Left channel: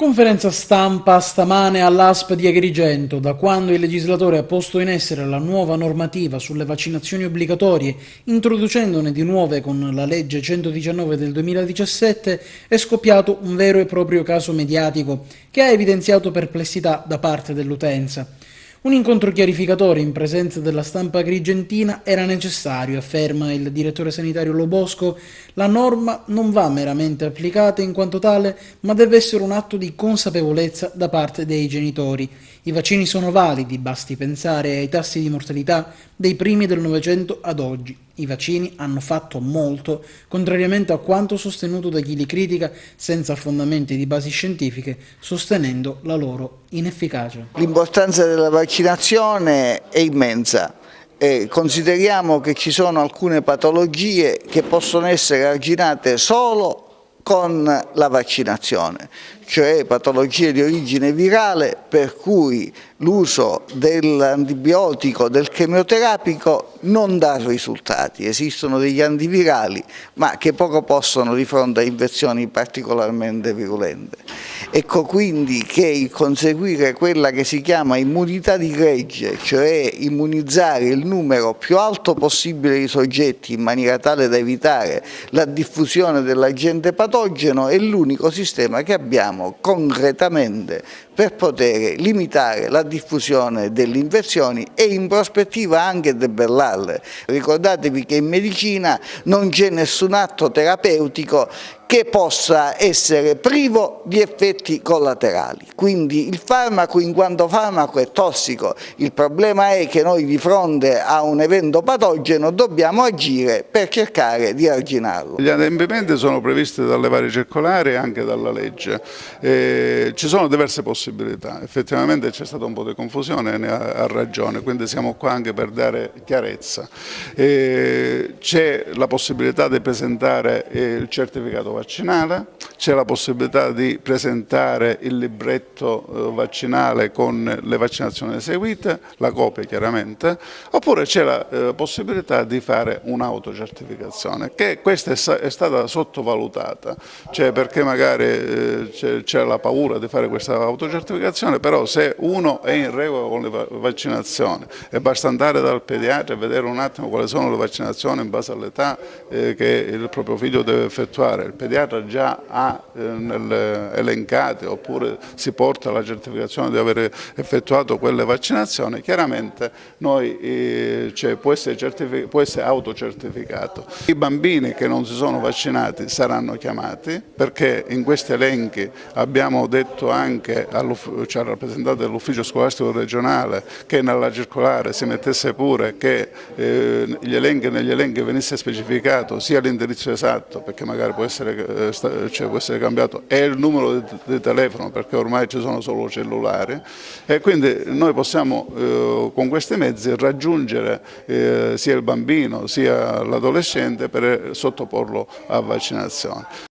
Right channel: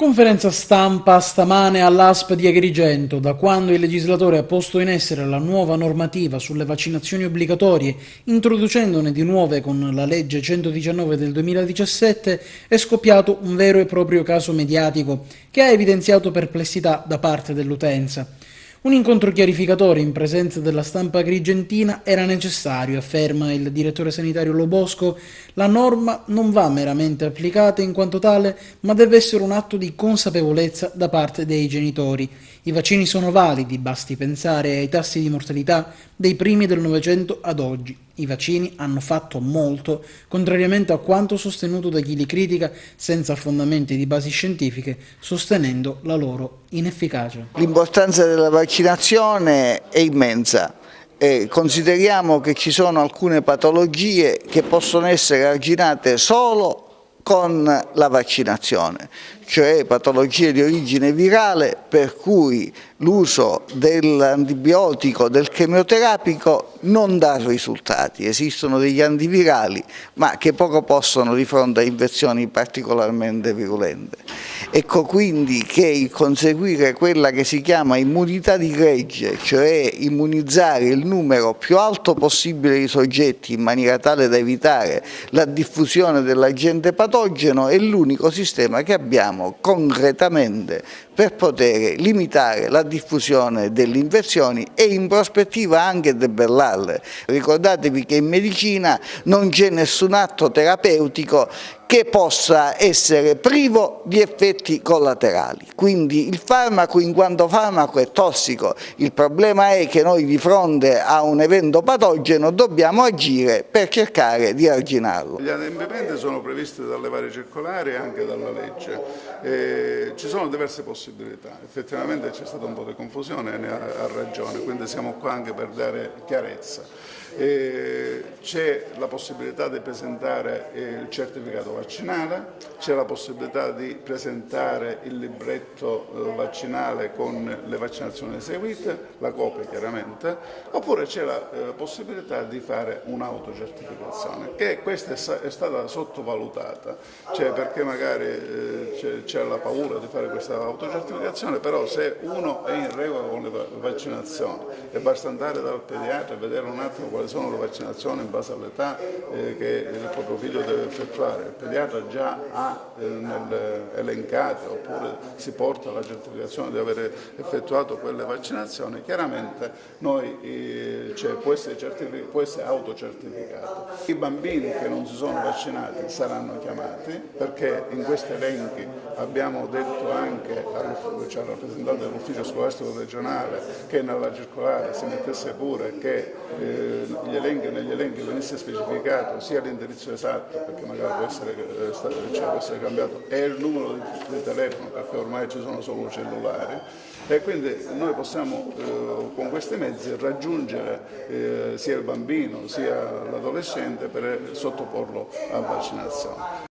Conferenza stampa stamane all'ASP di Agrigento. Da quando il legislatore ha posto in essere la nuova normativa sulle vaccinazioni obbligatorie, introducendone di nuove con la legge 119 del 2017, è scoppiato un vero e proprio caso mediatico che ha evidenziato perplessità da parte dell'utenza. Un incontro chiarificatore in presenza della stampa agrigentina era necessario, afferma il direttore sanitario Lobosco. La norma non va meramente applicata in quanto tale, ma deve essere un atto di consapevolezza da parte dei genitori. I vaccini sono validi, basti pensare ai tassi di mortalità dei primi del Novecento ad oggi. I vaccini hanno fatto molto, contrariamente a quanto sostenuto da chi li critica senza fondamenti di basi scientifiche, sostenendo la loro inefficacia. L'importanza della vaccinazione è immensa. Consideriamo che ci sono alcune patologie che possono essere arginate solo con la vaccinazione, cioè patologie di origine virale per cui l'uso dell'antibiotico, del chemioterapico non dà risultati. Esistono degli antivirali ma che poco possono di fronte a infezioni particolarmente virulente. Ecco quindi che il conseguire quella che si chiama immunità di gregge, cioè immunizzare il numero più alto possibile di soggetti in maniera tale da evitare la diffusione dell'agente patogeno, è l'unico sistema che abbiamo concretamente per poter limitare la diffusione delle infezioni e in prospettiva anche debellarle. Ricordatevi che in medicina non c'è nessun atto terapeutico che possa essere privo di effetti collaterali. Quindi il farmaco in quanto farmaco è tossico, il problema è che noi di fronte a un evento patogeno dobbiamo agire per cercare di arginarlo. Gli adempimenti sono previsti dalle varie circolari e anche dalla legge. Ci sono diverse possibilità, effettivamente c'è stata un po' di confusione, ne ha ragione, quindi siamo qua anche per dare chiarezza. C'è la possibilità di presentare il certificato vaccinale, c'è la possibilità di presentare il libretto vaccinale con le vaccinazioni eseguite, la copia chiaramente, oppure c'è la possibilità di fare un'autocertificazione, che questa è stata sottovalutata, cioè perché magari c'è la paura di fare questa autocertificazione, però se uno è in regola con le vaccinazioni e basta andare dal pediatra e vedere un attimo quali sono le vaccinazioni in base all'età che il proprio figlio deve effettuare, il pediatra già ha elencate oppure si porta la certificazione di aver effettuato quelle vaccinazioni, chiaramente può essere autocertificato. I bambini che non si sono vaccinati saranno chiamati perché in questi elenchi abbiamo detto anche al rappresentante dell'ufficio scolastico regionale che nella circolare si mettesse pure che negli elenchi venisse specificato sia l'indirizzo esatto, perché magari può essere cambiato, e il numero di telefono, perché ormai ci sono solo cellulari, e quindi noi possiamo con questi mezzi raggiungere sia il bambino sia l'adolescente per sottoporlo a vaccinazione.